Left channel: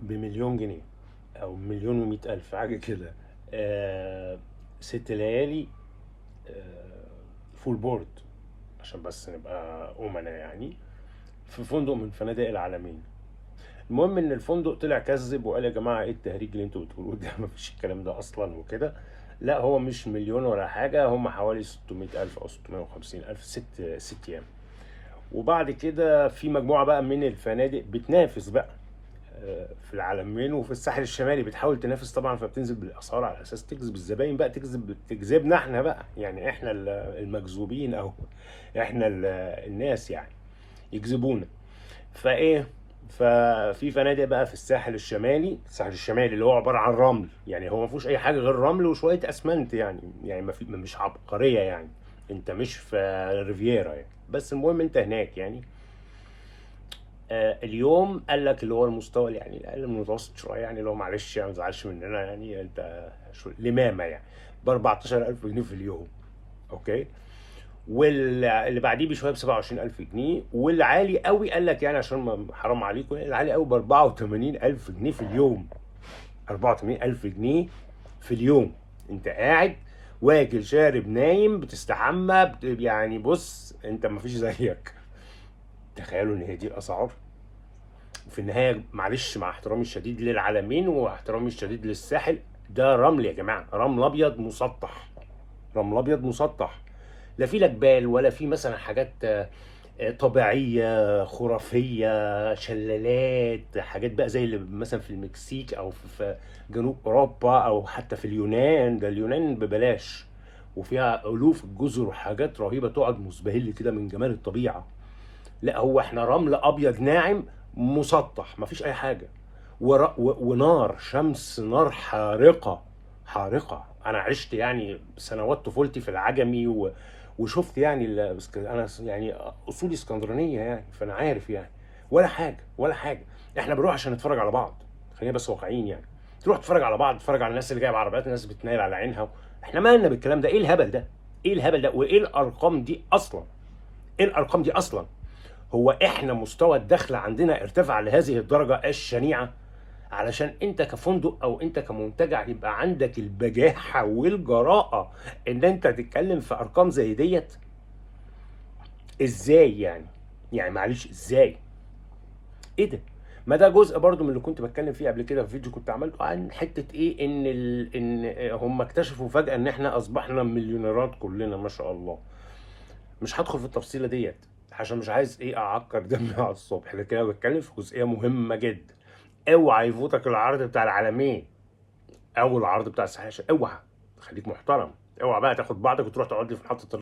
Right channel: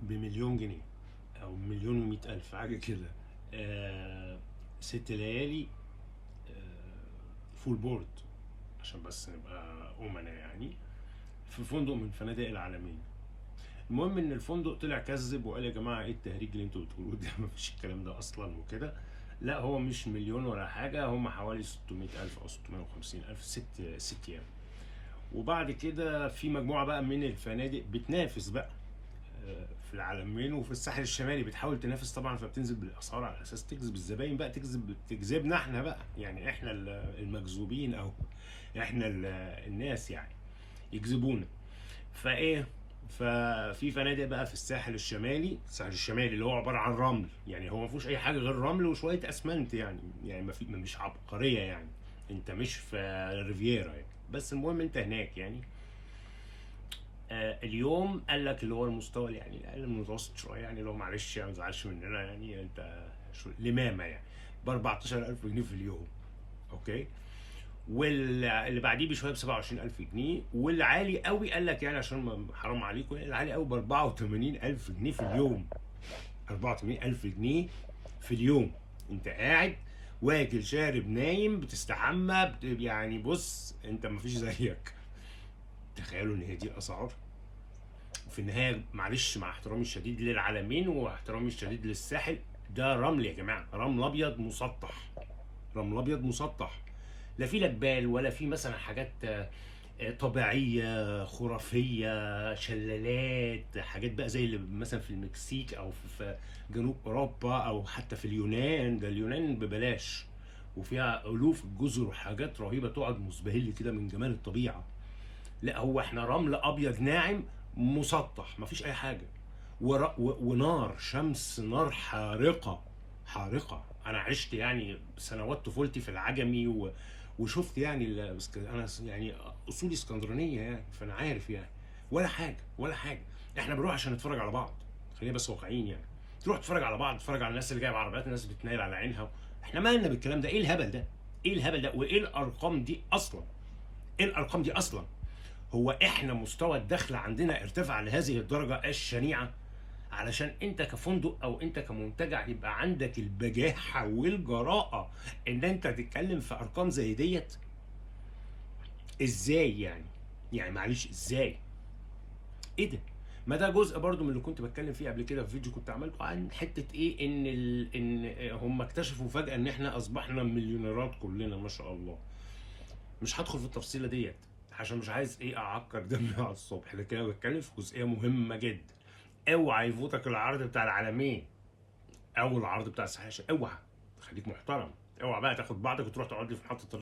بمليون جنيه او مليون ومئة الف حاجه كده. 6 ليالي، فول بورد، عشان بس نبقى امنا يعني، في فندق من فنادق العالمين. المهم ان الفندق طلع كذب وقال يا جماعه ايه التهريج اللي انتوا بتقولوه ده؟ مفيش الكلام ده اصلا وكده. لا، هو مش مليون ولا حاجه، هم حوالي 600 الف او 650 الف، ست ايام. وبعد كده في مجموعه بقى من الفنادق بتنافس بقى في العلمين وفي الساحل الشمالي، بتحاول تنافس طبعا، فبتنزل بالاسعار على اساس تجذب الزباين بقى، تجذبنا احنا بقى، يعني احنا المجذوبين، او احنا الناس يعني، يجذبونا. فايه، ففي فنادق بقى في الساحل الشمالي اللي هو عباره عن رمل، يعني هو ما فيهوش اي حاجه غير رمل وشويه اسمنت، يعني ما في، مش عبقريه يعني، انت مش في ريفيرا يعني، بس المهم انت هناك يعني. اليوم قال لك اللي هو المستوى يعني الاقل من المتوسط شويه، يعني اللي هو معلش يعني ما تزعلش مننا، يعني انت لمامه يعني ب 14000 جنيه في اليوم. اوكي. واللي بعديه بشويه ب 27000 جنيه، والعالي قوي قال لك يعني عشان حرام عليكم، العالي قوي ب 84000 جنيه في اليوم. 84000 جنيه في اليوم، انت قاعد واكل شارب نايم بتستحمى يعني بص انت ما فيش زيك. تخيلوا ان هي دي الاسعار. في النهايه معلش، مع احترامي الشديد للعالمين واحترامي الشديد للساحل، ده رمل يا جماعه، رمل ابيض مسطح، رمل ابيض مسطح. لا في لا جبال ولا في مثلا حاجات طبيعيه خرافيه، شلالات، حاجات بقى زي اللي مثلا في المكسيك او في جنوب اوروبا او حتى في اليونان. ده اليونان ببلاش وفيها الوف الجزر وحاجات رهيبه، تقعد مسبهل كده من جمال الطبيعه. لا، هو احنا رمل ابيض ناعم مسطح، مفيش اي حاجه. ونار شمس، نار حارقه، حارقه. انا عشت يعني سنوات طفولتي في العجمي وشفت يعني انا يعني اصولي اسكندرانيه يعني، فانا عارف يعني. ولا حاجه ولا حاجه. احنا بنروح عشان نتفرج على بعض، خلينا بس واقعيين يعني. تروح تتفرج على بعض، تتفرج على الناس اللي جايه بعربيات، الناس بتنايل على عينها. احنا مالنا بالكلام ده؟ ايه الهبل ده؟ ايه الهبل ده؟ وايه الارقام دي اصلا؟ ايه الارقام دي اصلا؟ هو احنا مستوى الدخل عندنا ارتفع لهذه الدرجه الشنيعه علشان انت كفندق او انت كمنتجع يبقى عندك البجاحه والجراءه ان انت تتكلم في ارقام زي ديت؟ ازاي يعني؟ يعني معلش ازاي؟ ايه ده؟ ما ده جزء برضو من اللي كنت بتكلم فيه قبل كده في فيديو كنت عملته عن حته ايه، ان هم اكتشفوا فجاه ان احنا اصبحنا مليونيرات كلنا ما شاء الله. مش هدخل في التفصيله ديت عشان مش عايز ايه اعكر دمي على الصبح، لكن انا بتكلم في جزئيه مهمه جدا. اوعى يفوتك العرض بتاع العالمين او العرض بتاع الساحل، اوعى. خليك محترم. اوعى بقى تاخد بعضك وتروح تقعد لي في محطه